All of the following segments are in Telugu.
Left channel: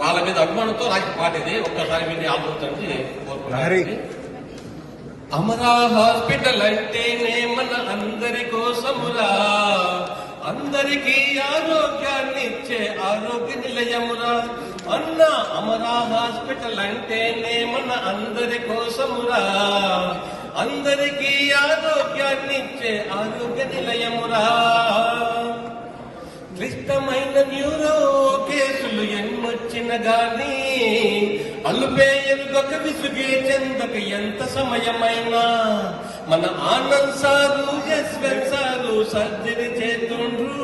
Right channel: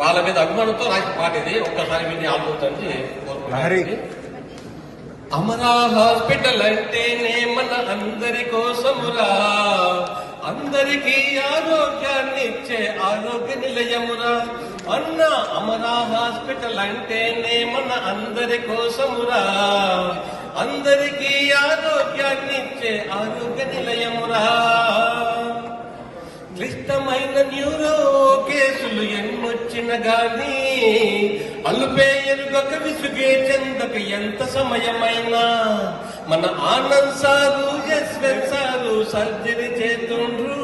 వాళ్ళ మీద అభిమానంతో రాసిన పాట ఇది. ఒక్కసారి విని ఆల్బోతుంది కోరుకుంటున్నాను. అమరా హాస్పిటల్ అంటేనే మన అందరి కోసమురా, అందరికీ ఆరోగ్యాన్ని ఇచ్చే ఆరోగ్య నిలయమురా అన్న. అమరా హాస్పిటల్ అంటేనే మన అందరి కోసమురా, అందరికీ ఆరోగ్యాన్ని ఇచ్చే ఆరోగ్య నిలయమురా. క్లిష్టమైన న్యూరో కేసులు ఎన్నొచ్చిన గానీ అల్పే ఎరుగక విసుగే చెందక ఎంత సమయమైనా మన Anand sir Yashwant sir surgery చేతుండ్రు.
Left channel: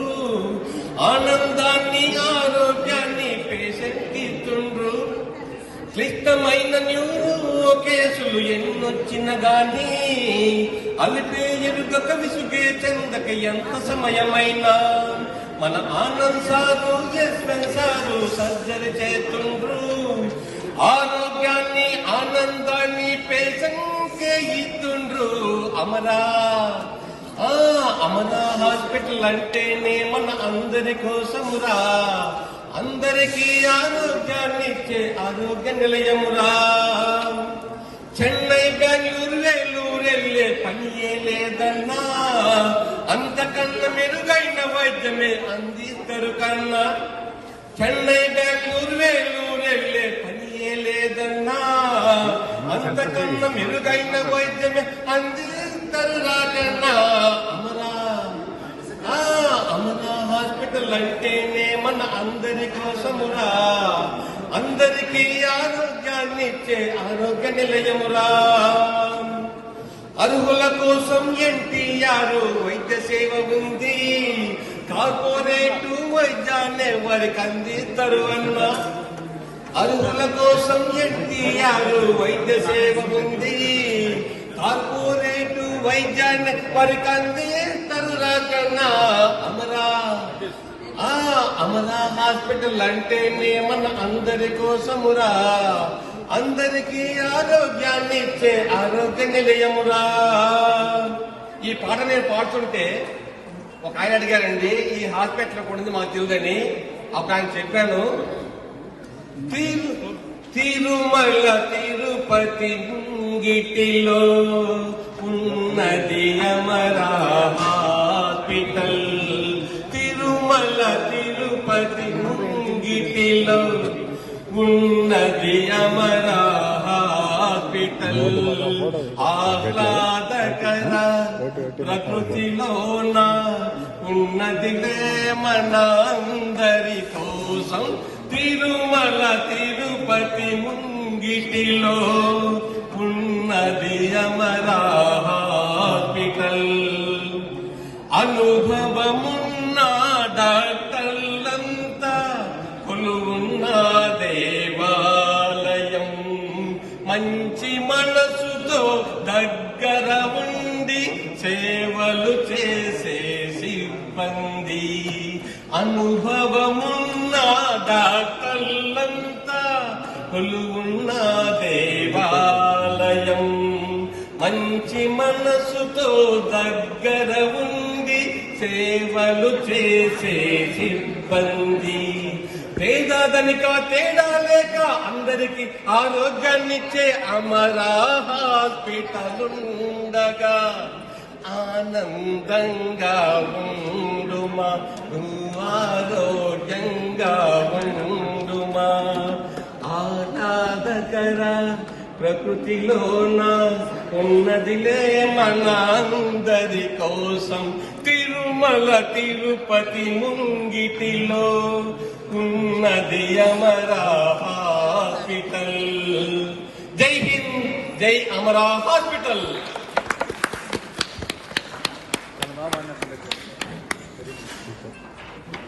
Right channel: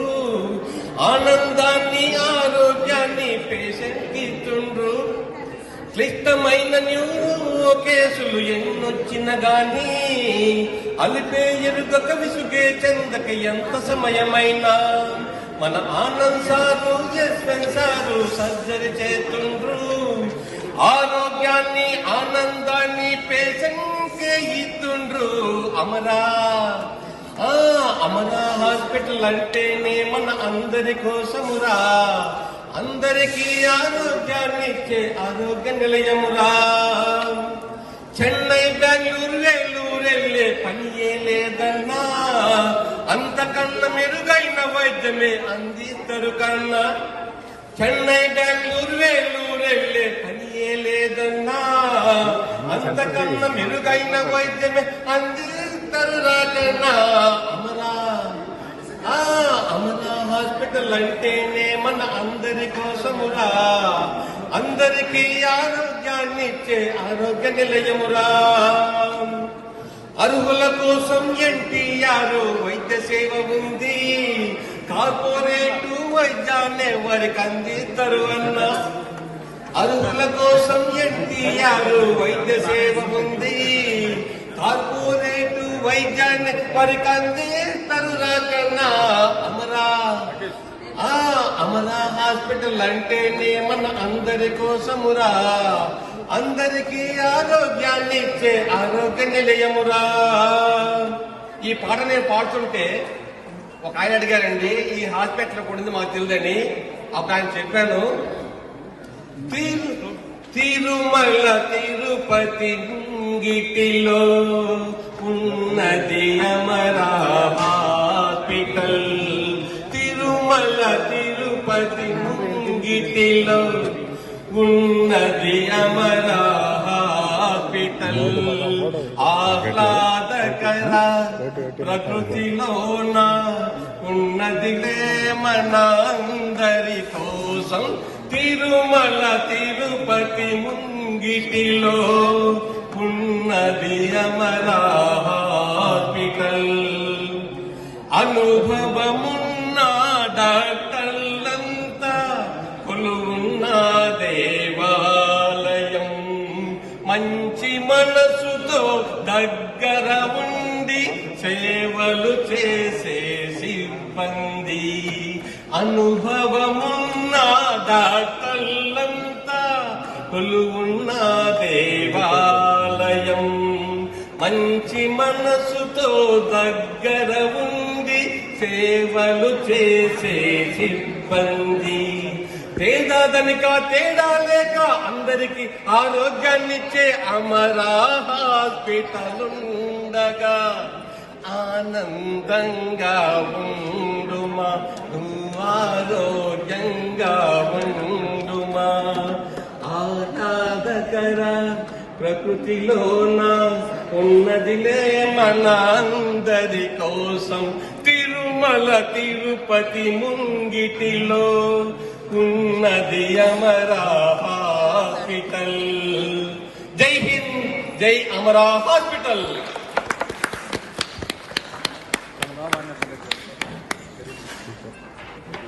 ఆనందాన్ని ఆరోగ్యాన్ని పేషెంట్ ఇస్తుండ్రు. క్లిష్టమైన న్యూరో కేసులు ఎన్నొచ్చిన గానీ అల్పే ఎరుగక విసుగే చెందక ఎంత సమయమైనా మన Anand sir Yashwant sir surgery చేస్తుండ్రు. ఆరోగ్యాన్ని ఆనందాన్ని పేషెంట్కే ఇస్తుండ్రు. అమరా అమరా హాస్పిటల్ అంటేనే మన అందరి కోసమురా, అందరికీ ఆరోగ్యాన్ని ఇచ్చే ఆరోగ్య నిలయమురా. చెన్నై బెంగళూరు వెల్లూరెళ్ళే పనియే లేదన్నా, అంతకన్నా మెరుగైన వైద్యమే అందిస్తారు కన్నా. చెన్నై బెంగళూరు వెల్లూరెళ్ళే పనియే లేదన్నా, అంతకన్నా మెరుగైన వైద్యమే అందిస్తారు రాజన్నా. అమరా హాస్పిటల్ అంటేనే మన అందరి కోసమురా, అందరికీ ఆరోగ్యాన్ని ఇచ్చే ఆరోగ్య నిలయమురా. అర్హుల కోసం ఎన్టీఆర్ వైద్య సేవ ఉంది, కార్పొరేటు వైద్యాన్ని ఎవరికి అందిస్తారు అన్నా. అర్హుల కోసం ఎన్టీఆర్ వైద్య సేవ ఉంది, కార్పొరేటు వైద్యాన్ని ఎవరికి అందిస్తారు రాజన్నా. అమరా హాస్పిటల్ అంటేనే మన అందరి కోసమురా, అందరికీ ఆరోగ్యాన్ని ఇచ్చే ఆరోగ్య నిలయమురా. ఈ పాట నేను పాడుతుంటే ఒక ఆయన అడిగారండి, ఈ హాస్పిటల్ కూడా మాకు తెలియదని. ఒక ఆయన చెప్పాను, తిరుమల తిరుపతి గిటిలో ఉన్నది అమరా హాస్పిటల్. తిరుమల తిరుపతి గిటిలో ఉన్నది అమరా హాస్పిటల్. ఆహ్లాదకర ప్రకృతిలోన ఉన్నదిలే మన అందరి కోసం. తిరుమల తిరుపతి ముంగిటిలో ఉన్నది అమరా హాస్పిటల్. అనుభవమున్న డాక్టర్లంతా కొలువున్న దేవాలయం, మంచి మనసుతో దగ్గర ఉండి సేవలు చేసే సిబ్బంది. అనుభవమున్న డాక్టర్లంతా కొలువున్న దేవాలయం, మంచి మనసుతో దగ్గర ఉండి సేవలు చేసే సిబ్బంది. పేదధనిక తేడా లేక అందరికీ ఆరోగ్యాన్నిచ్చే అమరా హాస్పిటల్ ఉండగా ఆనందంగా ఉండుమా, ఆరోగ్యంగా ఉండుమా. ఆహ్లాదకర ప్రకృతిలోన ఉన్నదిలే మన అందరి కోసం. తిరుమల తిరుపతి ముంగిటిలో ఉన్నది అమరా హాస్పిటల్. జై హింద్, జై అమరా హాస్పిటల్.